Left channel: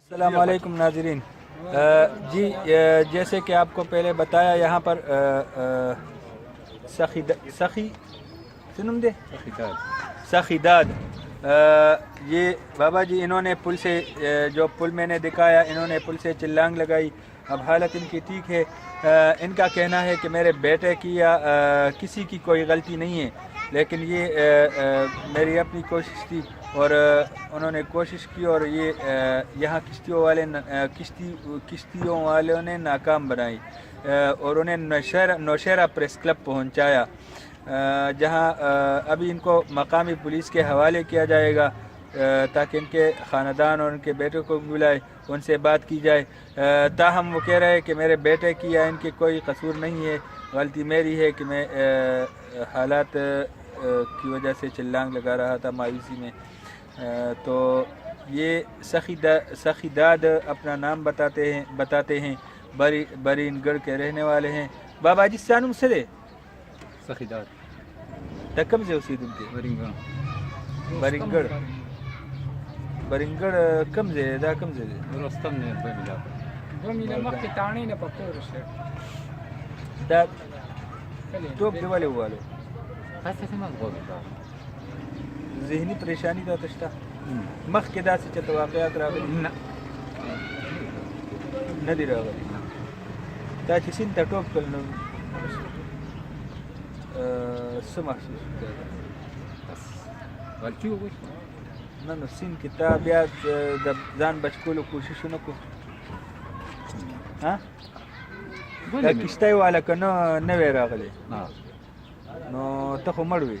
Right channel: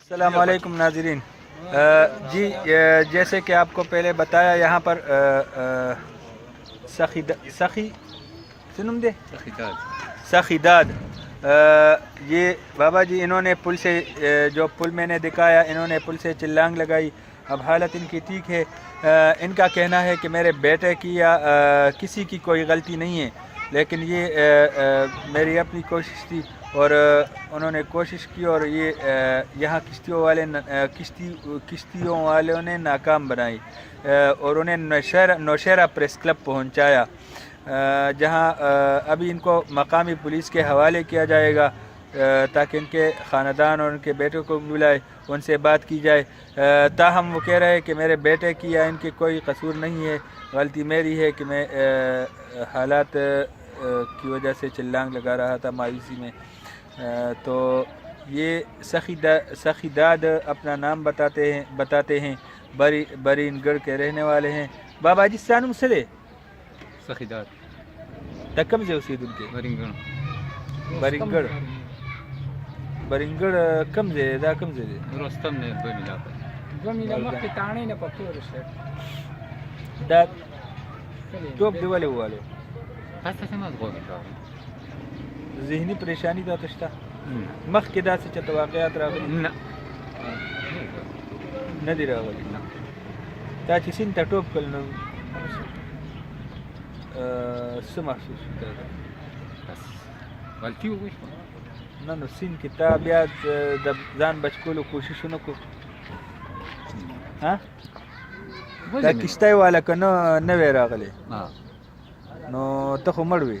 السلام علیکم ناظرین، جی جیسے کہ آپ کو پہلے بتایا یہاں پر سخیداد یہ بابا جی انہوں نے پل سے جو پل میں نے دکھایا انہوں نے پل سے چلانگ لگائی. اب حالت ان کی ٹھیک ہے. ان کا کہنا ہے کہ میرے بیٹے کی یا کسی کی کوئی غلطی نہیں ہے، لیکن یہ میری اپنی کوشش تھی اور انہوں نے کوشش کی اور یہ یہاں کشتیوں والوں نے ناکام بنائی اور انہیں نوشہرہ پریس کلب پہنچایا، جہاں ابھی ان کو مقامی پولیس کے حوالے کیا جائے گا تاکہ ان کے خاندان اور ان کے بیٹوں کو بلائے ان سے بات کی جائے. تاہم وہ کہہ رہے ہیں کہ میرے بیٹے کی یا ان کے کوئی قصور نہیں ہے، غلطی میری ہے کہ میں حالات کی وجہ سے چلانگ لگا رہا تھا مایوسی میں. تو یہ سخیداد اپنا نام بتاتے ہیں، برین گڑھ کے رہنے والے ہیں. بابا جی سانم سے دے سخیداد تکم سے اسی دن کے برنگڑ کم سے دا کم سے دے رستم نے بملا ومن مخ تانے نه پکور شه دا ټوپ دی ولې والو تاسو څنګه غواړئ ذهني پریشانی دا تشته مخ کې داسې چې واقعیات راغلي نه نه دی راغلي دا چې سین ته ټوپ کړل نو څه محسوس کوي؟ بس غلطي وکړه نه نو سین کې تا بیا د ځان بچ کولو کوشش ونه کړ ها دا کشتۍ والا که نه وی راغلی نو ته خو مړ وې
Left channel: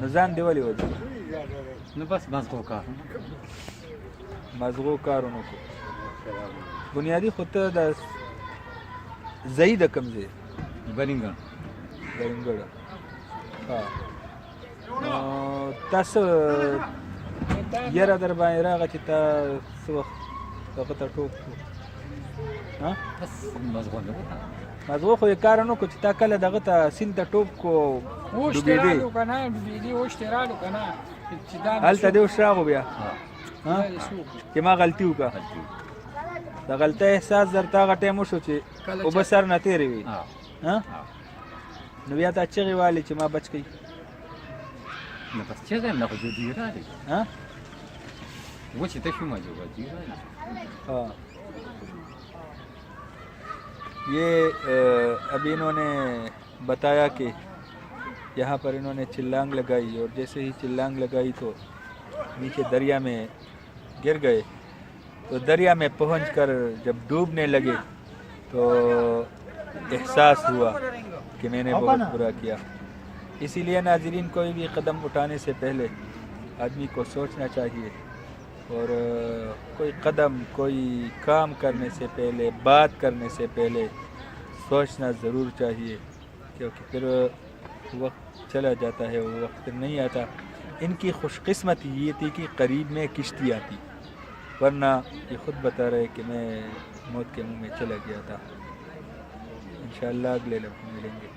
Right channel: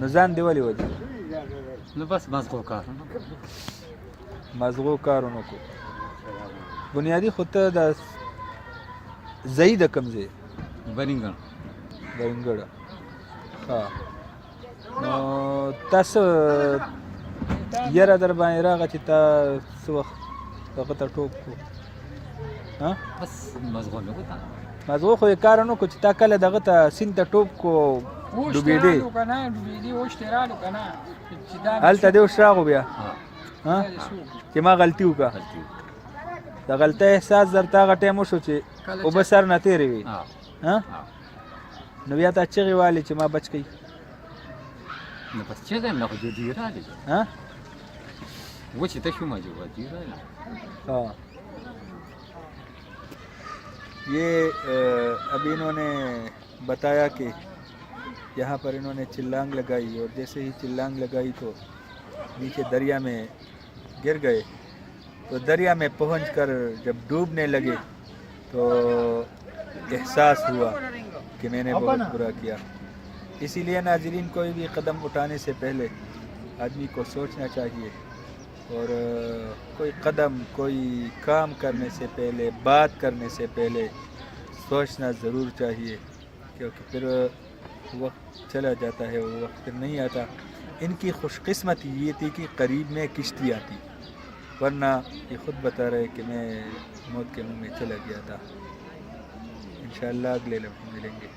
نو ځان دې ولې وځي نو بس مزغو کار مزغو کار ونه کړو بنیادي خو ته د ځایي د کوم ځای برینګا برنګړه ها نو تاسو یاره در باندې راغه چې تا څه وخت هغه ته ټوپ کړو ها بس مزغو نه وکړه مزغو خو یې کار نه کړو چې تا کله دغه ته سیند ته ټوپ کړو ډوبېدې ډوبېدې اوښتې رالو که نه هلته دې اوس راغو بیا چې ما غلطي وکړه د غلطۍ احساس درته هغه ټایم وشو چې اوبه سر نه تېرې وي نو بیا تا چغې والې چې ما بچ کوي نو بس چغې نه خو جدي راغی وچې ته شومه جو جدي راغی ہاں یہ ابھی انہوں نے بتایا کہ یہاں پر انہوں نے چلانگ لگائی اور جیسے ہی چلانگ لگائی تو نیچے دریا میں گر گئے. تو دریا میں پہنچ کر جب ڈوبنے لگے تو احساس ہوا کہ میں نے بہت برا کیا. اسی لیے ناظرین کوئی بھی قدم اٹھانے سے پہلے آدمی کو سوچنا چاہیے اور کوئی قدم کوئی کام کرنے سے پہلے بات کرنے سے پہلے سوچنا ضرور چاہیے، کیونکہ پھر وقت چلا جاتا ہے وہ وقت پھر نہیں آتا. ان کی خوش قسمتی یہ تھی کہ قریب میں کشتی آتی، ورنہ یہ خود بتا رہے کہ میں موت کے منہ میں چلا گیا تھا. انشاءاللہ اگلے لمحے ملیں گے.